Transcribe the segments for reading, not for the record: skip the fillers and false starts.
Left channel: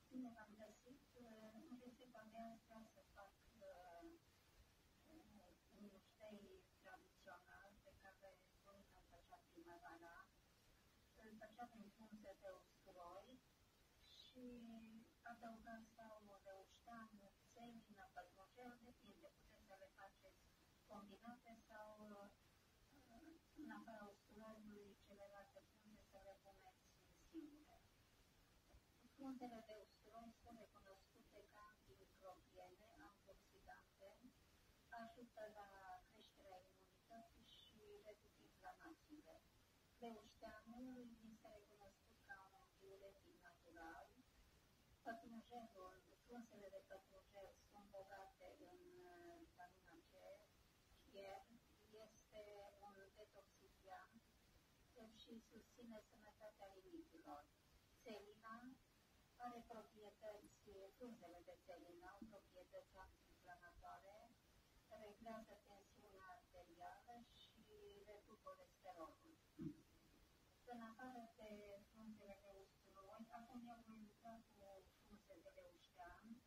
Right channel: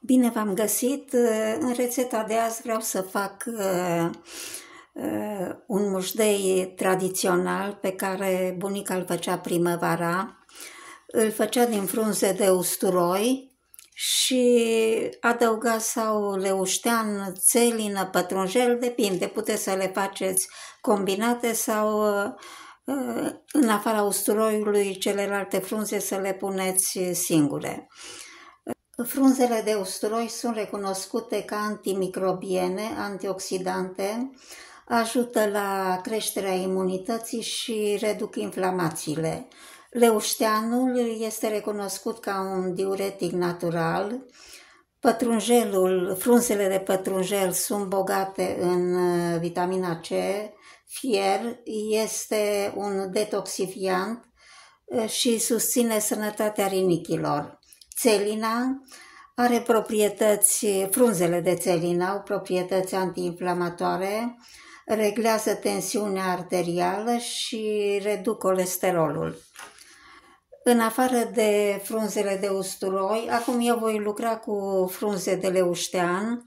Bine v-am găsit! În rețeta de azi vreau să fac un mușdei tradițional pe care bunica îl făcea primăvara. Îl făcea din frunze de usturoi și adăuga sau leuștean, țelină, pătrunjel, depinde, puteți să le faceți combinate sau în afara usturoiului celelalte frunze să le puneți singure. Frunzele de usturoi sunt recunoscute ca antimicrobiene, antioxidante, ajută la creșterea imunității și reduc inflamațiile. Leușteanul este recunoscut ca un diuretic natural. Frunzele de pătrunjel sunt bogate în vitamina C, fier, este un detoxifiant și susține sănătatea rinichilor. Țelina are frunzele de țelină au proprietăți antiinflamatoare, reglează tensiunea arterială și reduc colesterolul. În afară de frunzele de usturoi, acum eu voi lucra cu frunze de leuștean.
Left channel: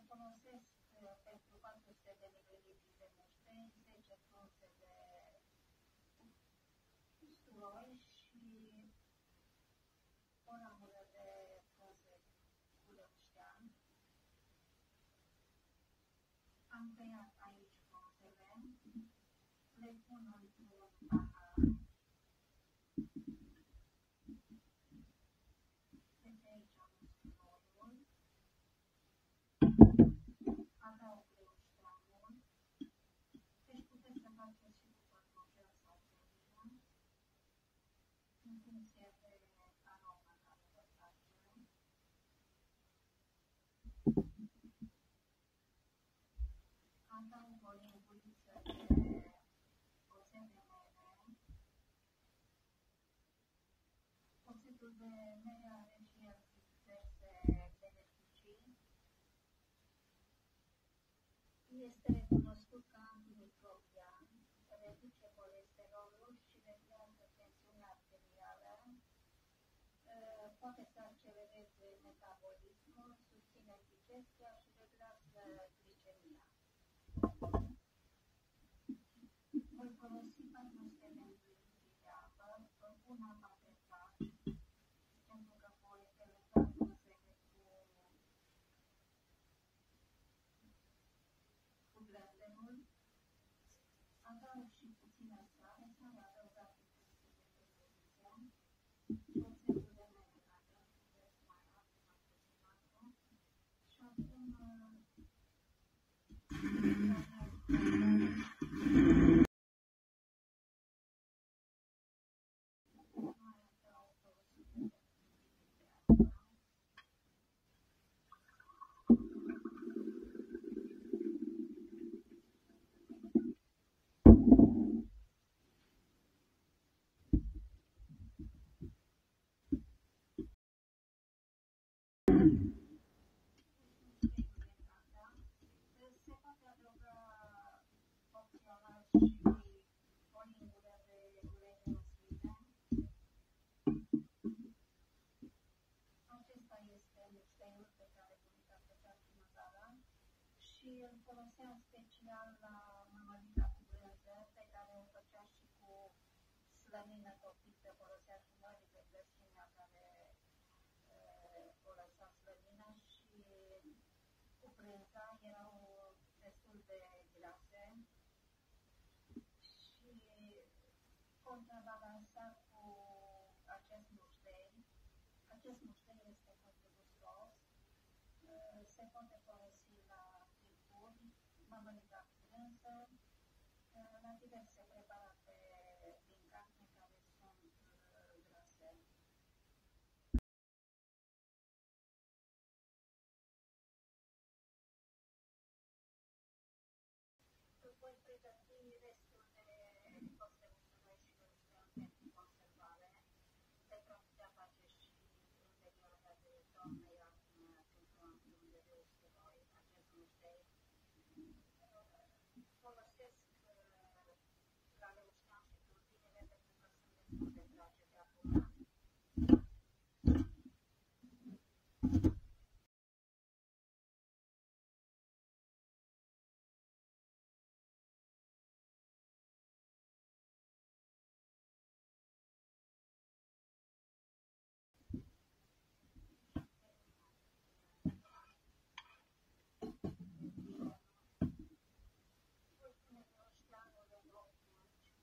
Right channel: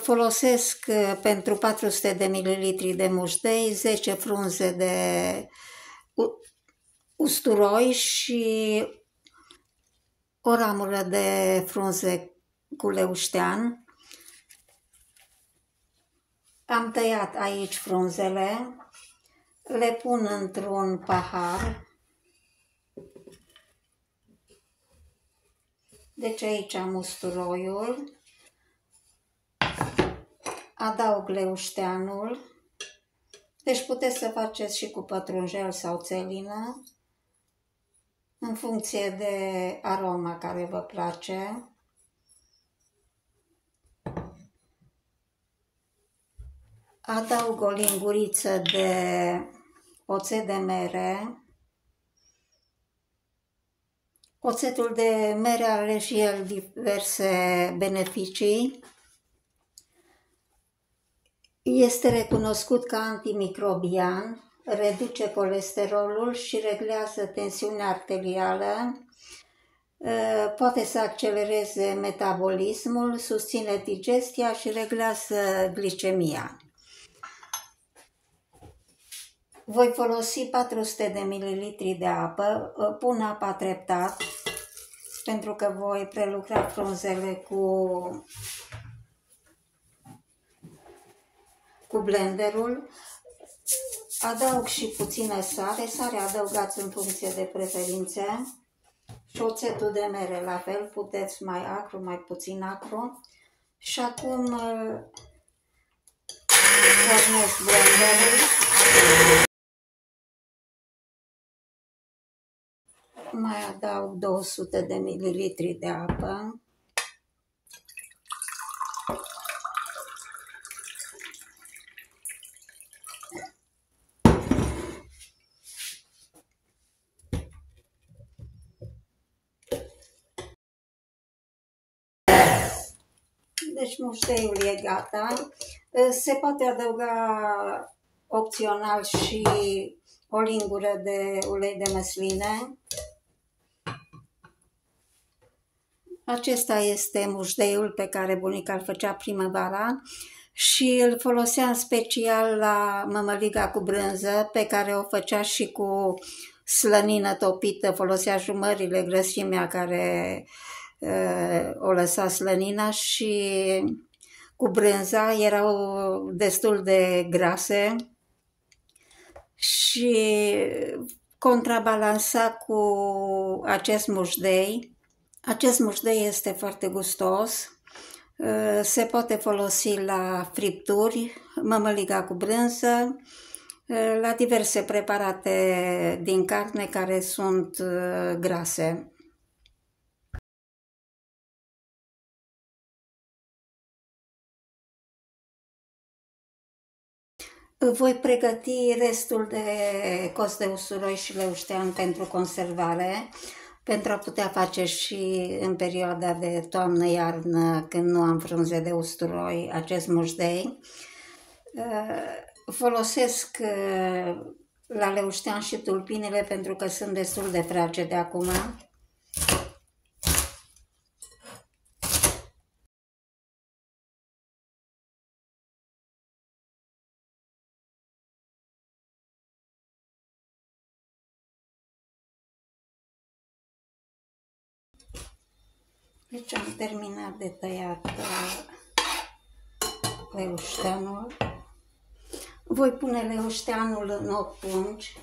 Folosesc pentru 400 de ml de mușdei 10 frunze de usturoi și o ramură de frunze cu leuștean. Am tăiat aici frunzele, le pun într-un pahar. Deci aici am usturoiul, adaug leușteanul, deci puteți să faceți și cu pătrunjel sau țelină, în funcție de aroma care vă place. Adaug o linguriță de oțet de mere. Oțetul de mere are și el diverse beneficii. Este recunoscut ca antimicrobian, reduce colesterolul și reglează tensiunea arterială, poate să accelereze metabolismul, susține digestia și reglează glicemia. Voi folosi 400 de ml de apă, pun apa treptat, pentru că voi prelucra frunzele cu blenderul. Adaug și puțină sare, sarea adăugați în funcție de preferințe și oțetul de mere la fel, puteți mai acru, mai puțin acru. Și acum pornesc blenderul. Mai adaug 200 de ml de apă. Deci mușteiul e gata. Se poate adăuga opțional și o lingură de ulei de măsline. Acesta este mușdeiul pe care bunica îl făcea primăvara și îl folosea în special la mămăliga cu brânză, pe care o făcea și cu slănină topită, folosea jumările, grăsimea care o lăsa slănina, și cu brânza erau destul de grase și contrabalansa cu acest mușdei. Acest mușdei este foarte gustos, se poate folosi la fripturi, mămăliga cu brânză, la diverse preparate din carne care sunt grase. Voi pregăti restul de cos de usturoi și leuștean pentru conservare, pentru a putea face și în perioada de toamnă-iarnă, când nu am frunze de usturoi, acest mușdei. Folosesc la leuștean și tulpinile pentru că sunt destul de fragede acum. Deci am terminat de tăiat leușteanul. Voi pune leușteanul în 8 pungi.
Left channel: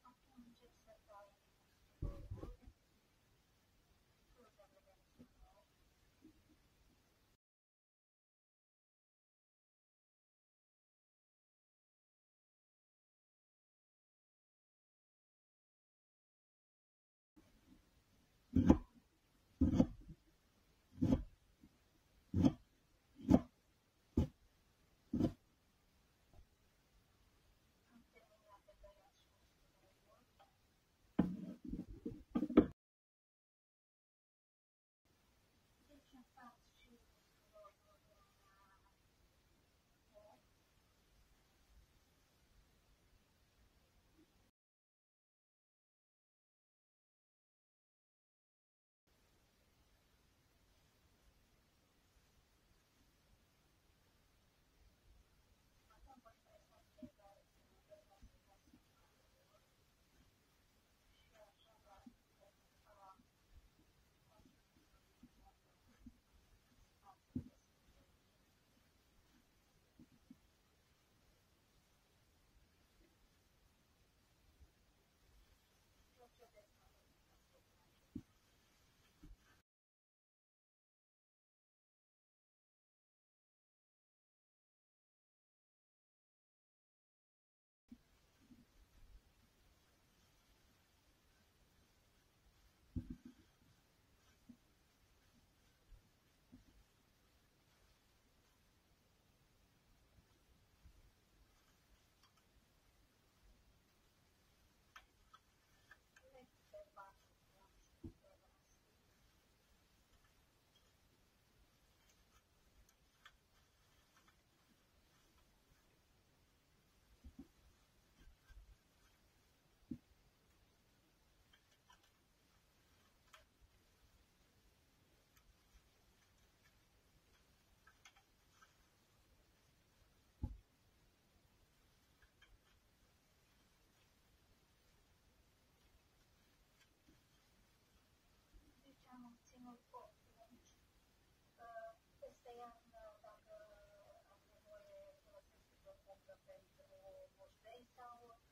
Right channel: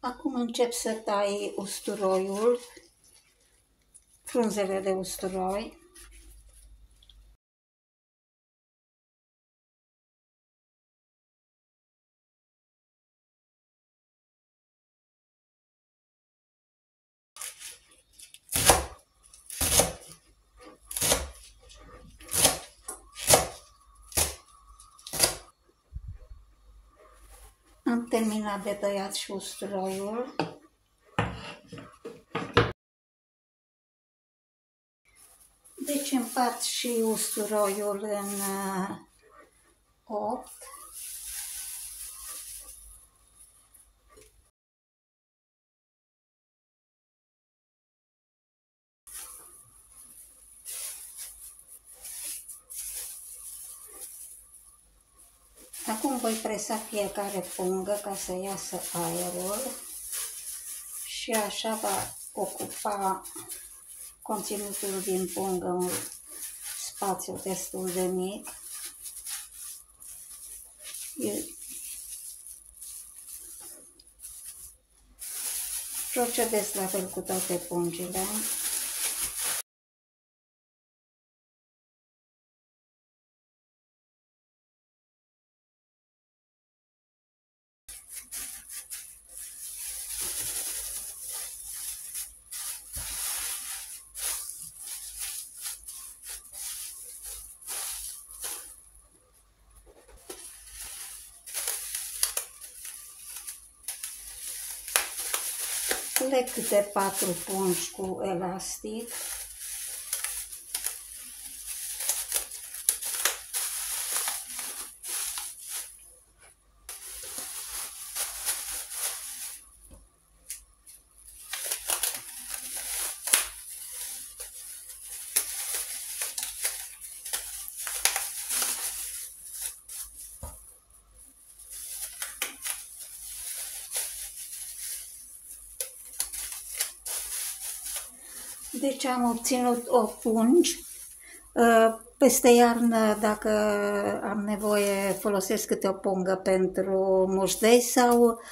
Acum încep să tai usturoiul, frunzele de usturoi. Am terminat de tăiat și usturoiul. Deci împart și usturoiul în 8. Acum voi presa fiecare pungă ca să iasă aerul și așa va ocupa conținutul din pungă un spațiu destul de mic. Procedez la fel cu toate pungile. Leg câte 4 pungi cu elastic. Deci am obținut 8 pungi. Peste iarnă, dacă am nevoie, folosesc câte o pungă pentru mușdei sau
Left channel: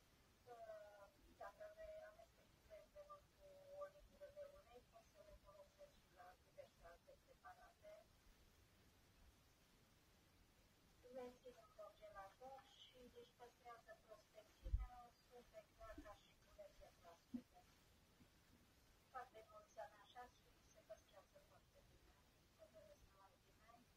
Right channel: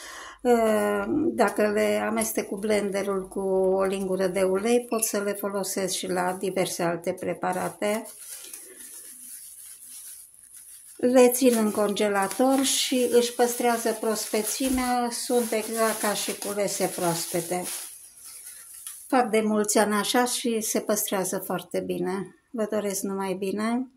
dacă le amestec cu blenderul cu o lingură de ulei, pot să le folosesc și la diverse alte preparate. Le țin în congelator și își păstrează prospețimea, sunt exact ca și culese proaspete. Fac de mulți ani așa și se păstrează foarte bine. Vă doresc numai bine!